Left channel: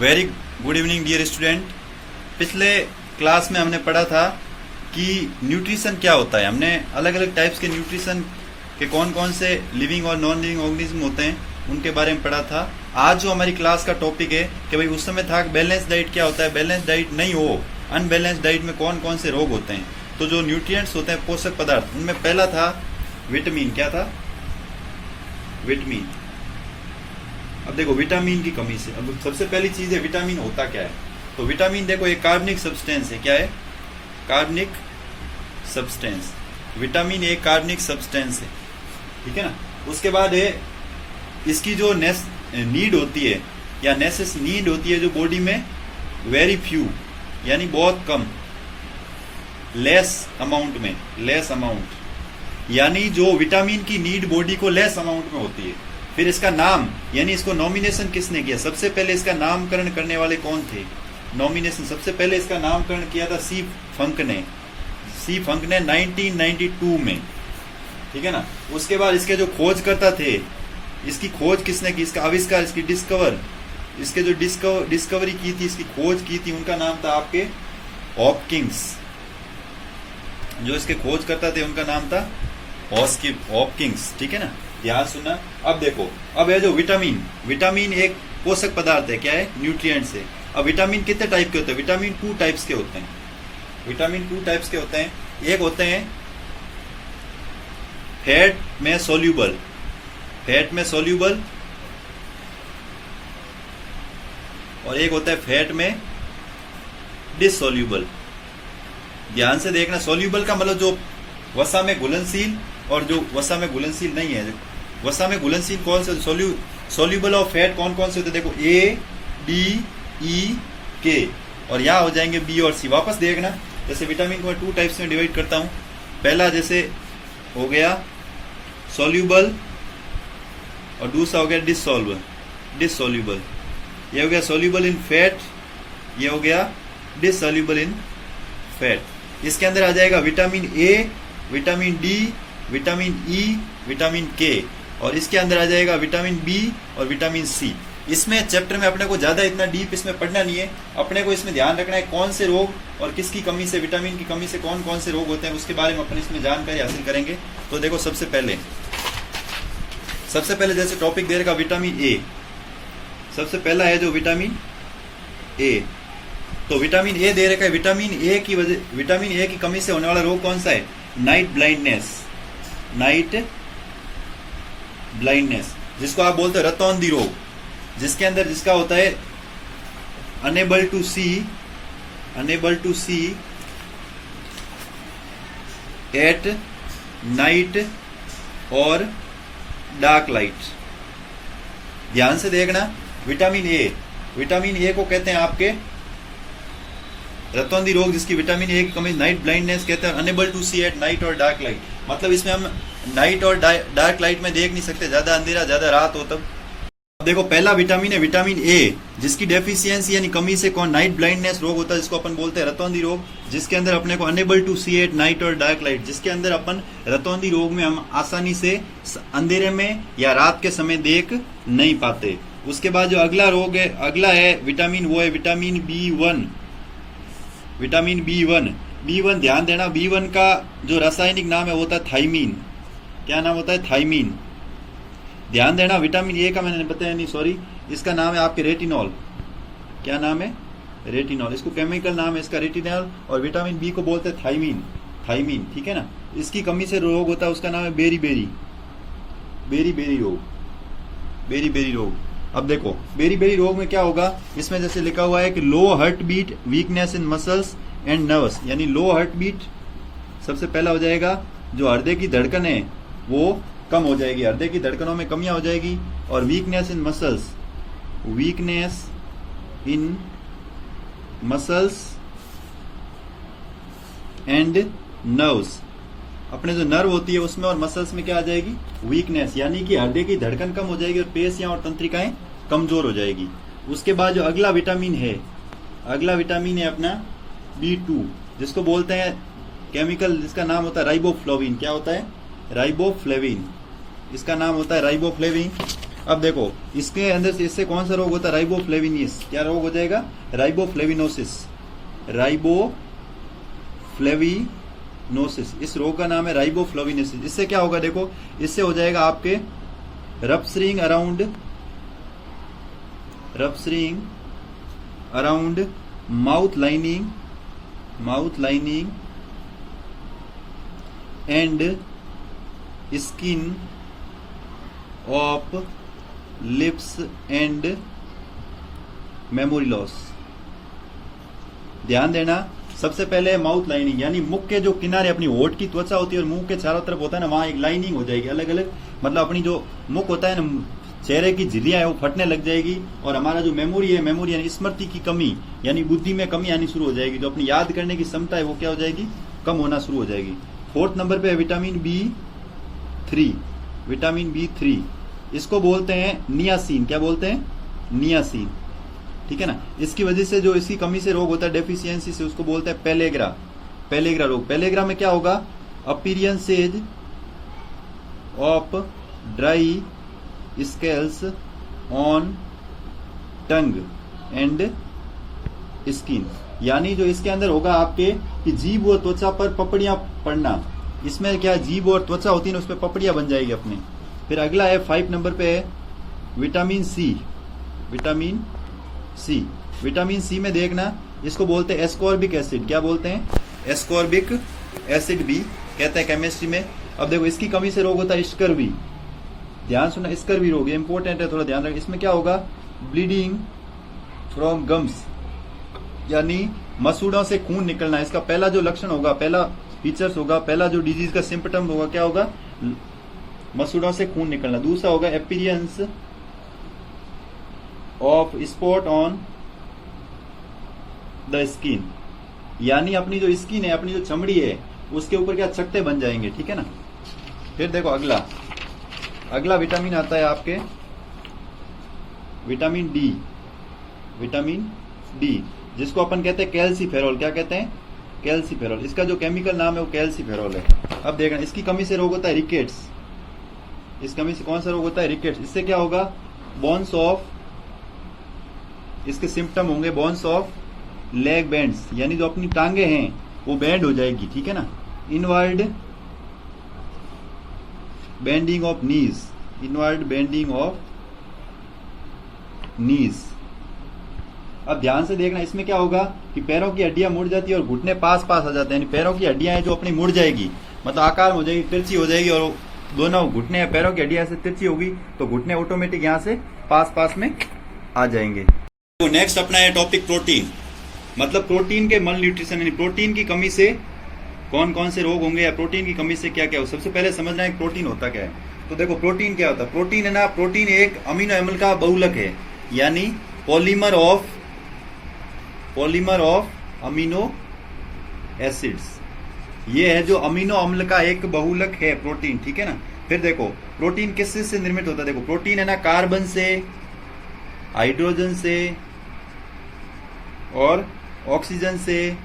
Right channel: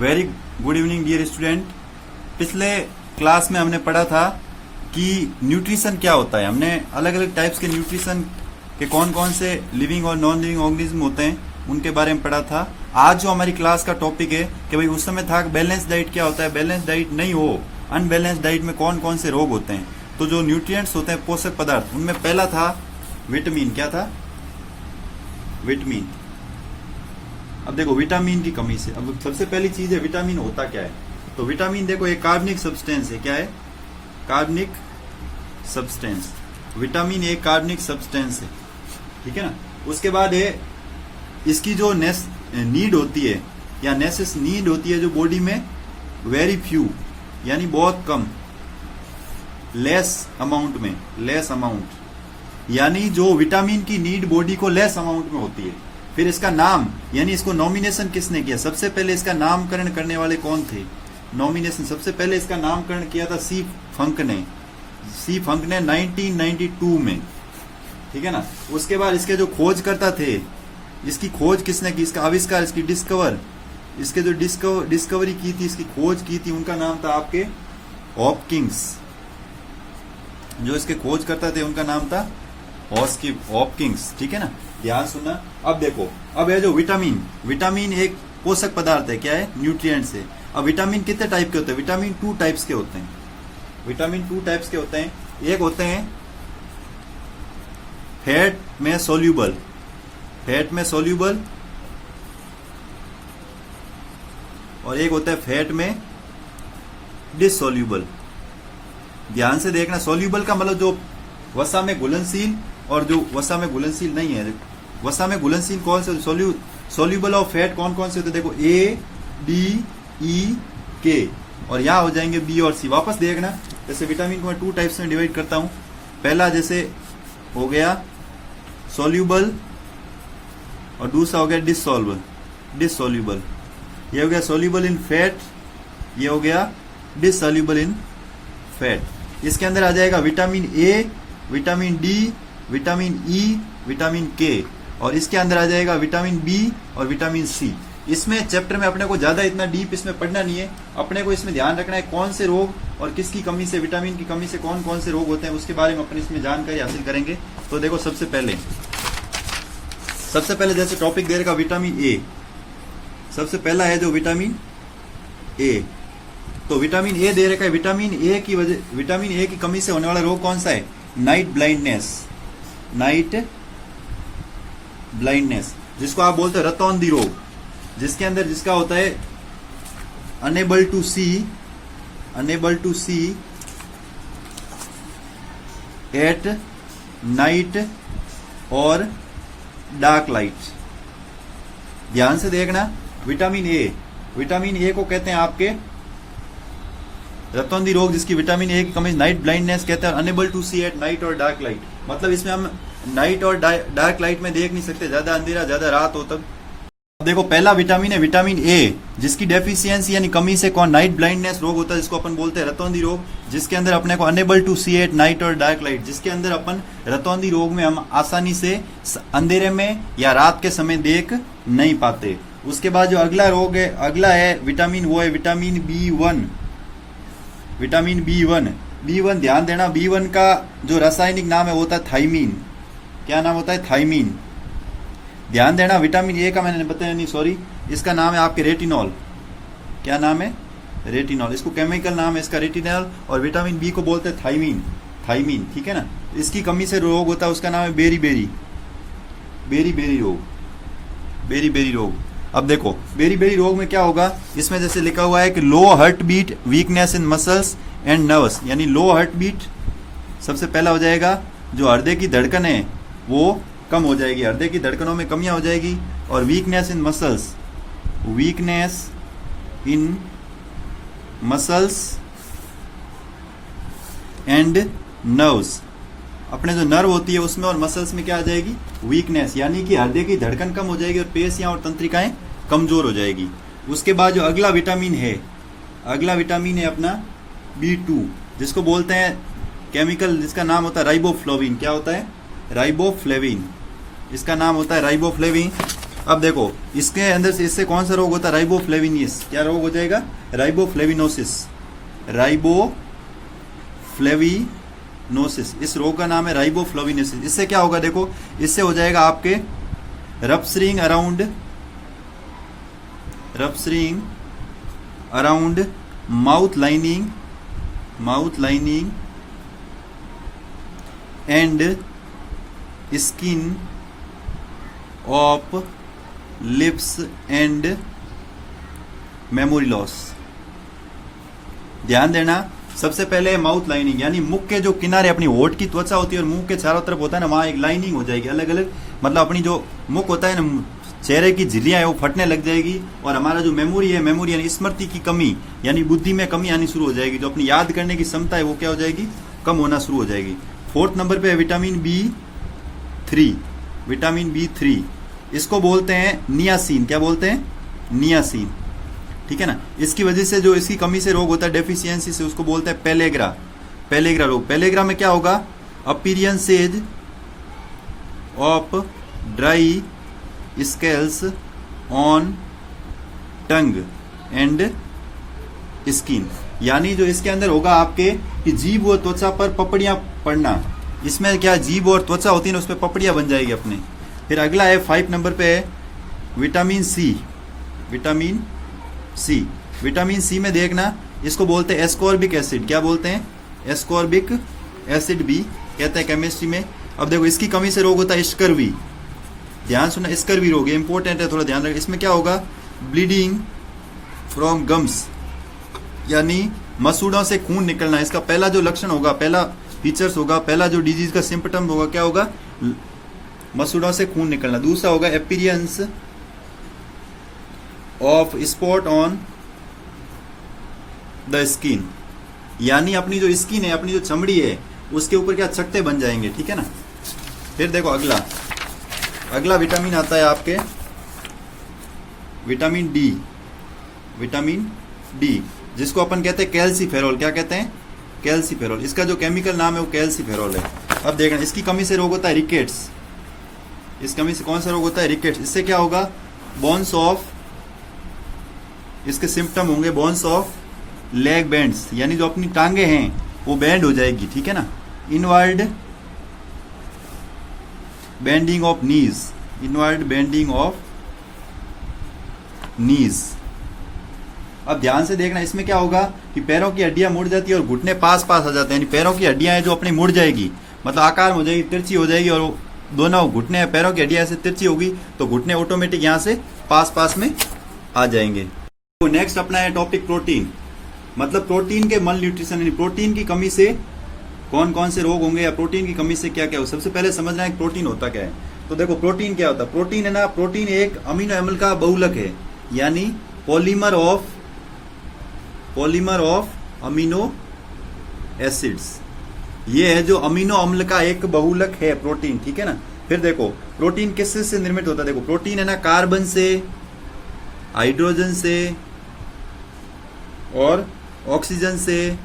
Very good evening dear student. पिछले class में हमने पढ़ा था कि न्यूट्रिशन क्या होता है। हमने अलग अलग टाइप्स के न्यूट्रिशन के कौन कौन से लिविंग और नॉन लिविंग ऑर्गेनिज्म होते हैं उनके बारे में पढ़ा था। आज जो हमारी क्लास का टॉपिक है कि भाई उस समय था बैलेंस डाइट क्या होता है, बैलेंस डाइट नहीं हो अनबैलेंस डाइट में कौन कौन से रोग होते हैं। तो जो न्यूट्रिएंट्स होते हैं पोषक पदार्थ, उनमें पहला था विटामिन। क्या था? विटामिन। अब देखो विटामिन की कमी से, अब सबसे पहली चीज है विटामिन होता क्या है। तो विटामिन देखो एक कार्बनिक सब्सटेंस है। क्या है? कार्बनिक सब्सटेंस। विटामिन एक कार्बनिक सब्सटेंस है, ठीक है ना। उसके बाद है इसकी जो नीड होती है या नेसेस नीड होती है जो बॉडी में, वेरी फ्यू यानी बहुत कम, लेस अमाउंट में, लेस अमाउंट यानी जो विटामिन की नीड बॉडी को लेस अमाउंट में होती है। फिर इसका नाम यानी इसको नॉमिनेशन किसने किया? सबसे पहले इसका नामकरण करने वाले कौन थे? नॉमिनेशन सबसे पहले इसका नामकरण किया था सी फंक ने। सी फंक ने 1992 में, ठीक है ना। उसके बाद इसके जो खोजकर्ता थे, इसकी खोज किसने की, इसका आविष्कार, इसकी इसके जो डिस्कवरी की थी, इसकी खोज की थी, उनका नाम था आपके हॉपकिंस। जो इसके खोजकर्ता थे उनका नाम था हॉपकिंस, ठीक है ना। ध्यान सुनना। अब देखो, अब है जो विटामिन, विटामिन एक पोषक पदार्थ है। क्या है? न्यूट्रिएंट्स है। अब विटामिन कितने टाइप के होते हैं? विटामिन 2 टाइप्स के होते हैं। विटामिन 2 टाइप्स के होते हैं। एक होते हैं फैट में सोल्यूबल, फैट में सोल्यूबल, और एक होता है फैट में डिसोल्यूबल। ध्यान से देखना, सोल्यूबल का मतलब जो वसा में घुलनशील, और जो वसा में घुलनशील नहीं है। वसा में घुलनशील कौन से? सोल्यूबल और फैट कौन कौन से होते हैं? देखो ए, डी, ई, के, और यहां हो जाएंगे बी और सी। वापस देखना, जैसे विटामिन को मैं 2 टाइप्स में डिवाइड करता हूं। पहला जैसे हो गया सोल्यूबल और दूसरा हो गया डिसोल्यूबल। ये हो गया सोल्यूबल इन फैट, ये हो गया डिसोल्यूबल इन फैट। इसके अंदर आ जाएगा vitamin A, vitamin D, vitamin E, vitamin के, और इसके अंदर आ जाएगा विटामिन बी और विटामिन सी। इसमें चैप्टर में अपने को ज्यादा इतना डीप इसमें पढ़ना नहीं है। अपने को इसमें ध्यान रखना है कौन से रोग और किसकी कमी से, विटामिन की कमी से कौन कौन से रोग होते हैं, उसके बारे में अपने इसमें जानकारी हासिल करेंगे। तो देखो सबसे पहले जैसे टॉपिक दे रखा विटामिन ए। सबसे पहला है जो विटामिन ए। तो विटामिन ए दे रखा है। विटामिन ए की कमी से होने वाला रोग कौन सा है? नाइट ब्लाइंडनेस, जिसको आप बोलते हो रतौंधी रोग, जिसके अंदर जिसका होता है unable to see at night और डार्क लाइट। ध्यान से देखना, विटामिन ए को कहते हैं आपके रतौंधी रोग, जिसकी विटामिन ए की कमी, नाइट ब्लाइंडनेस कहते हैं, unable to see at night और डार्क लाइट। मतलब इसमें हम नाइट और डार्क लाइट में देख नहीं सकते, ज्यादा अंधेरा ज्यादा रात हो तब। अब देखो पहला विटामिन है विटामिन ए, जिसकी डेफिशिएंसी यानी कमी से कौन? नाइट ब्लाइंडनेस रोग होता है, जिसको अपन बोलते हैं रतौंधी रोग, जिसके अंदर अपने को unable to see at night और डार्क लाइट, जिसके अंदर अपन रतौंधी रोग में हम आसानी से अंधेरे में या रात के समय देख नहीं पाते। उसके बाद जो अगला रोग है, अगला है विटामिन, वो है विटामिन बी1। विटामिन बी1, ध्यान देना, बी1 का जो रासायनिक नाम है वो होता है थाइमीन। क्या नाम होता है? थाइमीन। ध्यान देना, विटामिन ए का मैंने बताया नहीं, सॉरी, इसका नाम है आपके रेटिनॉल। क्या नाम है? रेटिनॉल। इसको केमिकल नाम है इसका रेटिनॉल, और विटामिन बी को बोलते हैं थाइमीन, ठीक है ना। इसकी कमी से रोग होता है, उसका नाम है बेरी रोग। अब देखो बेरी रोग में क्या होगा, इसमें जैसे लिखा हुआ है कि low heart beat, weakness in muscles and nerves, यानी लो हार्ट बीट सबसे पहला हो जाएगा। जो हृदय की धड़कन है वो कम हो जाएगी, हृदय की धड़कनों में कमियां हो जाएगी। और weakness in muscles and nerves, अपने जो नर्व होती है उसमें और मसल्स में क्या आ जाएगी? वीकनेस, यानी कि हृदय की धड़कन कम हो जाएगी और पेशियां और तंत्रिकाएं कमजोर हो जाएगी। उसके बाद जो अगला विटामिन है अपना B2, जिसको बोलते हैं केमिकल, जिसका नाम होता है राइबोफ्लाविन। क्या होता है? राइबोफ्लेविन, इसका नाम होता है राइबोफ्लेविन। अब देखो इसके अंदर से इससे कौन सा रोग होता है, राइबोफ्लेविनिस। क्या रोग हो जाएगा, राइबोफ्लेविनोसिस, राइबोफ्लेविनोसिस। इस रोग का नाम है राइबोफ्लेविनोसिस। इससे क्या होगा, देखो इससे हो जाएगा आपके rupturing around mouth lining and skin of lips and memory loss. ध्यान देना, सबसे पहले माउथ लाइनिंग, यानी मुख के जो किनारे अपनी होठ की त्वचा होती है और मुंह के चारों तरफ होता है ना, वहां एक लाइनिंग हो जाएगी अलग अलग, मतलब अपनी जो मुख होता है ना, चेहरे की झिर्रियां है वो फटने लग जाएगी, और हमारा जो मेमोरी यानी स्मृति की कमी, यानी बुद्धि में कमी आनी शुरू हो जाएगी। जो अपनी याद करने की क्षमता है वो क्या हो जाएगी, कम होना शुरू हो जाएगी। 4th नंबर पे है विटामिन B3। इसको बोलते हैं नियासिन। क्या बोलते हैं, नियासिन, ठीक है ना। इसकी वजह से जो इसकी कमी से रोग होता है, डेफिशिएंसी से, उसको बोलते हैं पेलेग्रा रोग। पेलेग्रा में क्या होगा, appearances of dry scales on tongue and skin, यानी जो इसके अंदर होगा आपके कि जीभ और त्वचा पर पपड़ियां पड़ना। इसमें क्या, जीभ और त्वचा होती है ना, उस पर पपड़ियां बन जाएगी अपने। फिर अगला है 5 नंबर पे है विटामिन सी में देखना, इसको बोलते हैं एस्कॉर्बिक एसिड। क्या बोलते हैं, एस्कॉर्बिक एसिड भी कहते हैं केमिस्ट्री में। अब देखो इसकी कमी से रोग होता है स्कर्वी। ध्यान सुना, स्कर्वी रोग, ये इंपॉर्टेंट है, थोड़ा ध्यान रखना। इसमें क्या होगा, ब्लीडिंग फ्रॉम गम्स, यानी मसूड़ों से खून निकलना। इसका पहला जो लक्षण होगा, पहला फीचर्स होगा, पहला जो डिजीज का सिम्पटम होगा, क्या होगा, मसूड़ों से खून निकलना। दूसरा होगा appearance of spot on the skin, यानी अपनी जो स्किन है, अपनी जो चमड़ी है, उसके ऊपर क्या चकत्ते बन जाएंगे, ठीक है ना। फिर देखो अगला विटामिन आता है आपके विटामिन डी, जिसको अपन कहते हैं कैल्सीफेरॉल। क्या कहते हैं, कैल्सीफेरॉल। इसका जो केमिकल नाम है वो कैल्सीफेरॉल है। अब देखना, इसकी कमी से रोग होता है रिकेट्स। इस कमी से कौन सा रोग होता है, रिकेट्स। इससे क्या होगा, बोन्स ऑफ, इसके सिम्टम होंगे बोन्स ऑफ लेग बैंड्स, यानी जो अपनी टांगे हैं वो बैंड हो जाएगी, ठीक है ना। इनवर्ड बेंडिंग ऑफ नीज। अब ध्यान से देखना, इसमें क्या होगा कि पैरों की हड्डियां मुड़ जाती है और घुटने पास आ जाते हैं, यानी पैरों की हड्डियां हैं जो अपनी मुड़ जाएगी, मतलब आकार हो जाएगी, तिरछी हो जाएगी, और दोनों घुटने पैरों की हड्डियां ऐसे तिरछी होगी तो घुटने ऑटोमेटिक यहां से पास में आ जाएंगे। तो नेक्स्ट अपना है टॉपिक प्रोटीन, मतलब प्रोटीन के मल न्यूट्रिशन, यानी प्रोटीन की कमी से कौन कौन से रोग होंगे, या प्रोटीन की कमी से क्या क्या हो। सबसे पहले समझना है प्रोटीन होता क्या है। तो देखो प्रोटीन क्या होता है, प्रोटीन है ना, प्रोटीन एक अमीनो एसिड का बहुलक है, यानी पॉलीमर ऑफ अमीनो एसिड्स। ये है जो अमीनो अम्ल का एक बहुलक है प्रोटीन, ठीक है ना। फिर देखो प्रोटीन किससे निर्मित होता है, देखो प्रोटीन है ना कार्बन से, हाइड्रोजन से और ऑक्सीजन से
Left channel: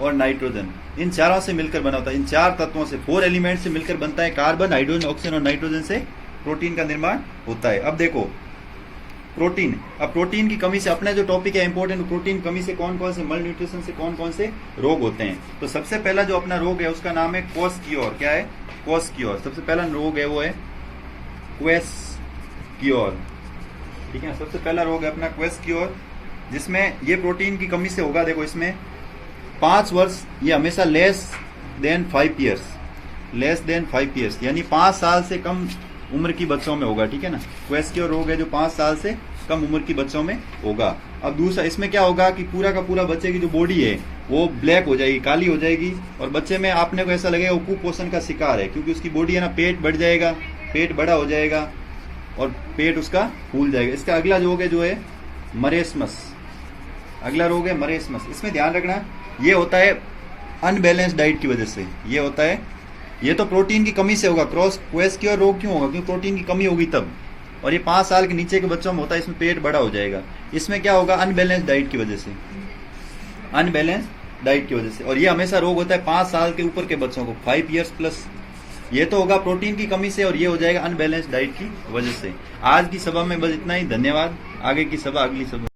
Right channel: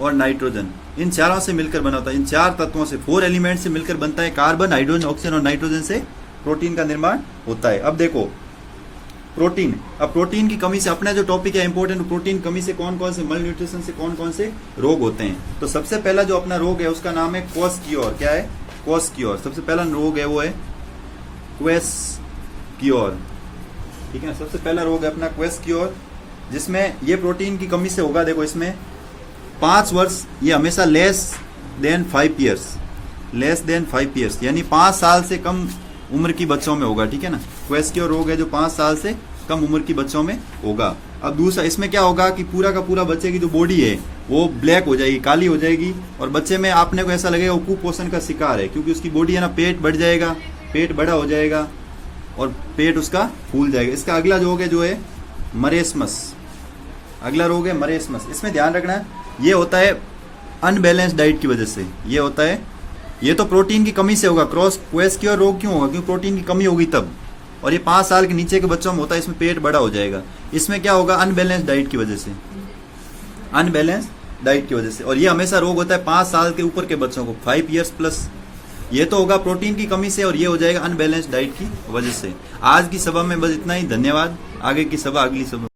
और नाइट्रोजन, इन चारों से मिलकर बना होता है। इन 4 तत्वों से, 4 एलिमेंट से मिलकर बनता है। कार्बन, हाइड्रोजन, ऑक्सीजन और नाइट्रोजन से प्रोटीन का निर्माण होता है। अब देखो प्रोटीन, अब प्रोटीन की कमी से, अपना जो टॉपिक है इंपॉर्टेंट, प्रोटीन कमी से कौन कौन से मल न्यूट्रिशन से कौन कौन से रोग होते हैं। तो सबसे पहला जो अपना रोग है उसका नाम है क्वोस्कियोर। क्या है, क्वोस्कियोर। सबसे पहला रोग है वो है क्वोस्कियोर, ठीक है ना। सबसे पहला रोग है अपना क्वोस्कियोर, जिसमें ये प्रोटीन की कमी से होगा। देखो इसमें 5 वर्ष, ये हमेशा लेस देन 5 ईयर्स, यानी 5 साल से कम उम्र की बच्चों में होगा, ठीक है ना। क्वोस्कियोर रोग है जो 5 साल से कम उम्र की बच्चों में होगा। अब दूसरा, इसमें क्या होगा कि पूरा का पूरा बच्चे की जो बॉडी है वो ब्लैक हो जाएगी, काली हो जाएगी, और बच्चे में आपने को ऐसा लगेगा वो कुपोषण का शिकार है, क्योंकि उसकी बॉडी है ना, पेट बढ़ जाएगा, पेट बड़ा हो जाएगा और पेट उसका फूल जाएगा। इसका अगला रोग है जो है मरेस्मस। अगला रोग है मरेस्मस। इसमें ध्यान रखना, ये होता है अनबैलेंस डाइट की वजह से, ये होता है, ये तो प्रोटीन की कमी से होगा। क्वोस्कियोर रोग क्यों होगा, क्योंकि प्रोटीन की कमी होगी तब, और ये 5 साल के नीचे के बच्चों में होता है, इसमें पेट बड़ा हो जाएगा। इसमें क्या होगा, अनबैलेंस डाइट की वजह से, और ये हमेशा रोग होता है 5 साल के ऊपर के बच्चों को, 5 ईयर्स प्लस ये तो होगा प्रोटीन की कमी से और ये हो जाएगा अनबैलेंस डाइट की वजह से। आज की सभा में बस इतना ही, धन्यवाद। आगे की सभा अगली सभा